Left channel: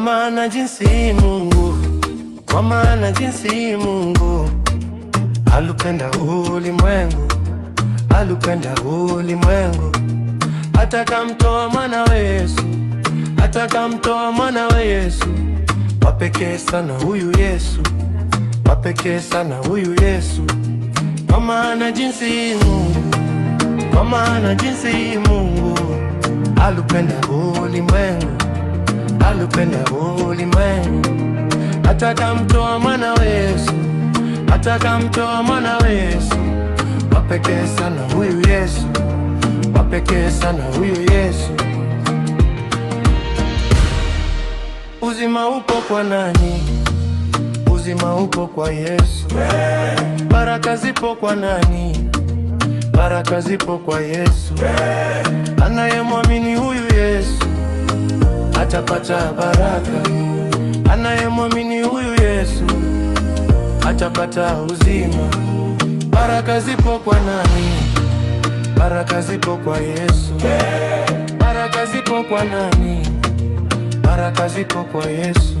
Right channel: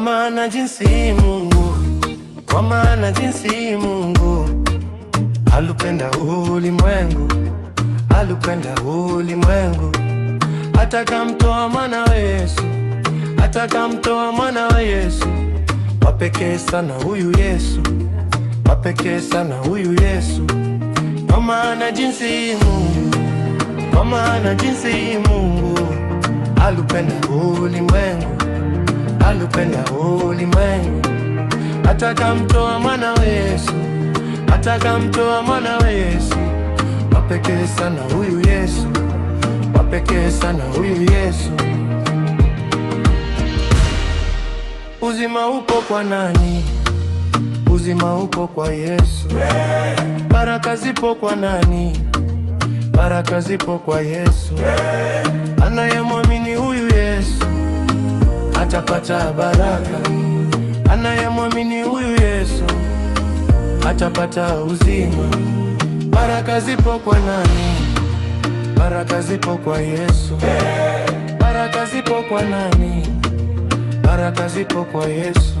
maana jinsi Mungu, kwa maana jinsi Mungu alupenda ulimwengu, alupenda ulimwengu, atakamtoa mwanawe Yesu, atakamtoa mwanawe Yesu. Wapekee sana huyu Yesu, wapekee sana huyu Yesu. Kwa maana jinsi Mungu, kwa maana jinsi Mungu alupenda ulimwengu, alupenda ulimwengu, atakamtoa mwanawe Yesu, atakamtoa mwanawe Yesu. Wapekee sana huyu Yesu, wapekee sana huyu Yesu. Uzima upo kwa nani? Uzima upo kwa Yesu. Baraka zipo kwa nani? Baraka zipo kwa Yesu. Anayemwamini huyu Yesu atapata baraka. Anayemwamini huyu Yesu atapata uzima. Baraka zipo kwa nani? Baraka zipo kwa Yesu. Baraka zipo kwa nani? Baraka zipo kwa Yesu.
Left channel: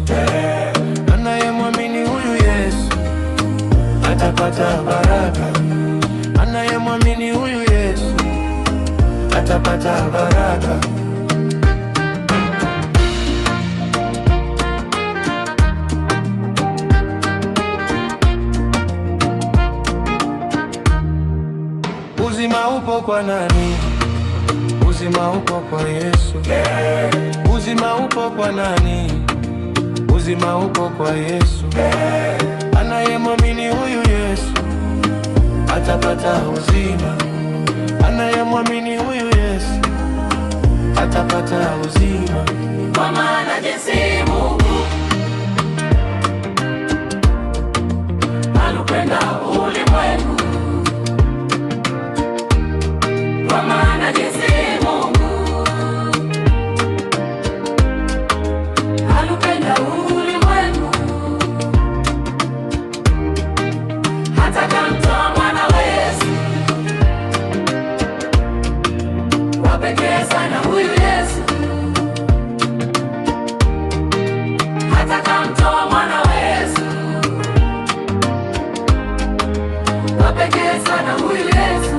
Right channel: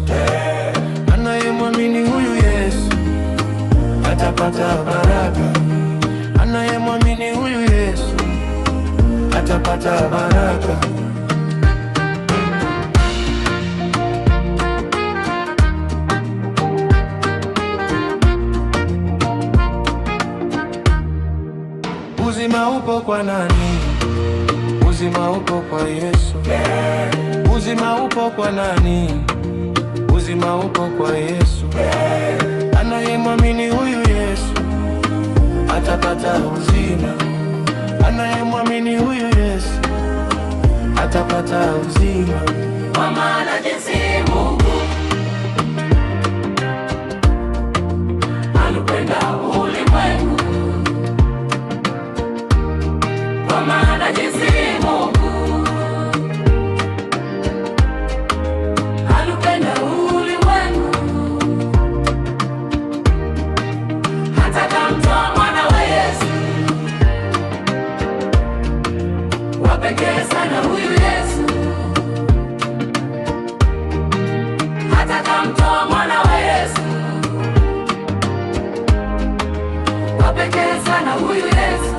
Anayemwamini huyu Yesu atapata baraka. Anayemwamini huyu Yesu atapata baraka. Uzima upo kwa nani? Uzima upo kwa Yesu. Uzima upo kwa nani? Uzima upo kwa Yesu. Anayemwamini huyu Yesu atapata uzima. Anayemwamini huyu Yesu atapata uzima. Kwa maana jinsi Mungu alupenda ulimwengu, kwa maana jinsi Mungu alupenda ulimwengu, atakamtoa mwanawe Yesu. Wapekee sana huyu Yesu, atakamtoa mwanawe Yesu. Wapekee sana huyu Yesu,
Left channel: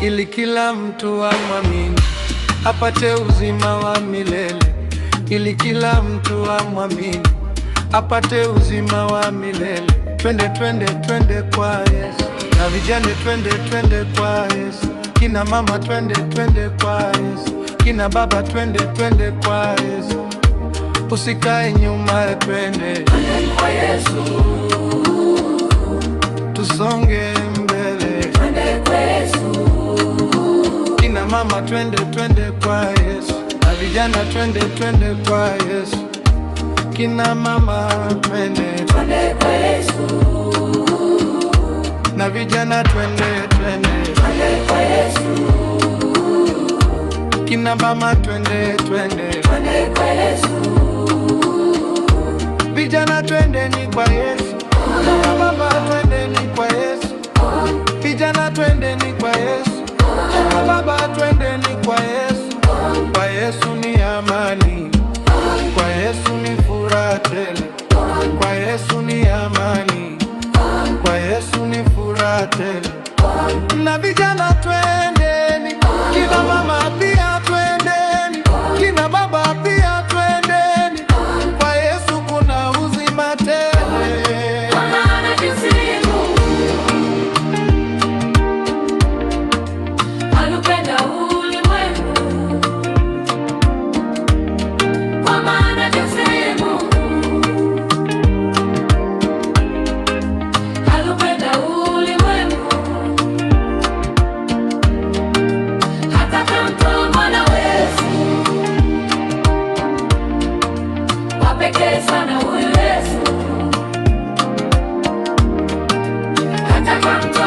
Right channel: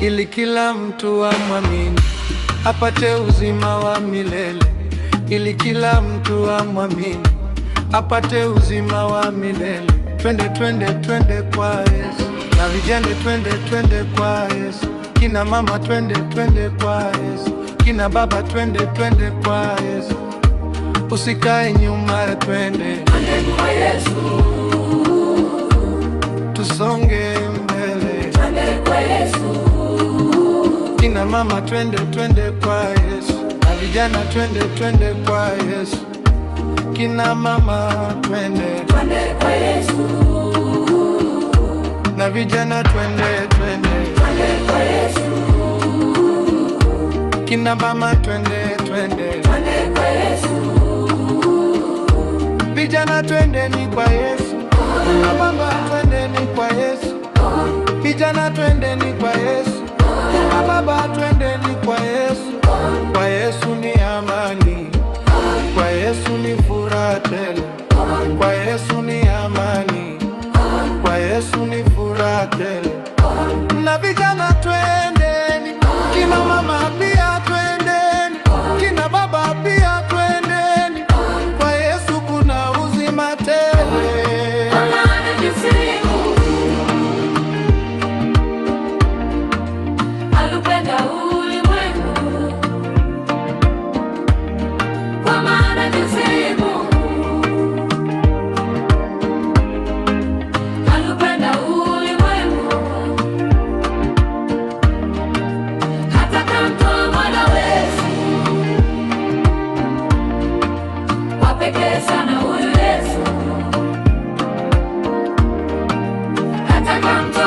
ili kila mtu amwamini apate uzima wa milele. Ili kila mtu amwamini apate uzima wa milele. Twende, twende, twende kwa Yesu. Na vijana twende, twende kwa Yesu. Kina mama twende, twende kwa Yesu. Kina baba twende, twende kwa Yesu. Usikae nyuma, twende, twende kwa Yesu. Tusonge mbele, twende kwa Yesu. Kina mama twende, twende kwa Yesu. Na vijana twende, twende kwa Yesu. Kina mama twende, twende kwa Yesu. Na vijana twende, twende, twende kwa Yesu. Kina mama twende, twende, twende kwa Yesu. Vijana twende ni kwa Yesu. Na baba twende ni kwa Yesu. Vijana twende ni kwa Yesu. Na baba twende ni kwa Yesu. Kwa Yesu ni amani, kwa Yesu ni furaha tele. Kwa Yesu ni amani, kwa Yesu ni furaha tele. Na vijana twendeni, kina mama pia twendeni, kina baba pia twendeni. Kwa Yesu kuna uzima tele. Kwa maana jinsi Mungu alupenda ulimwengu, kwa maana jinsi Mungu alupenda ulimwengu, atakamtoa mwanawe Yesu. Wapekee sana huyu Yesu, atakamtoa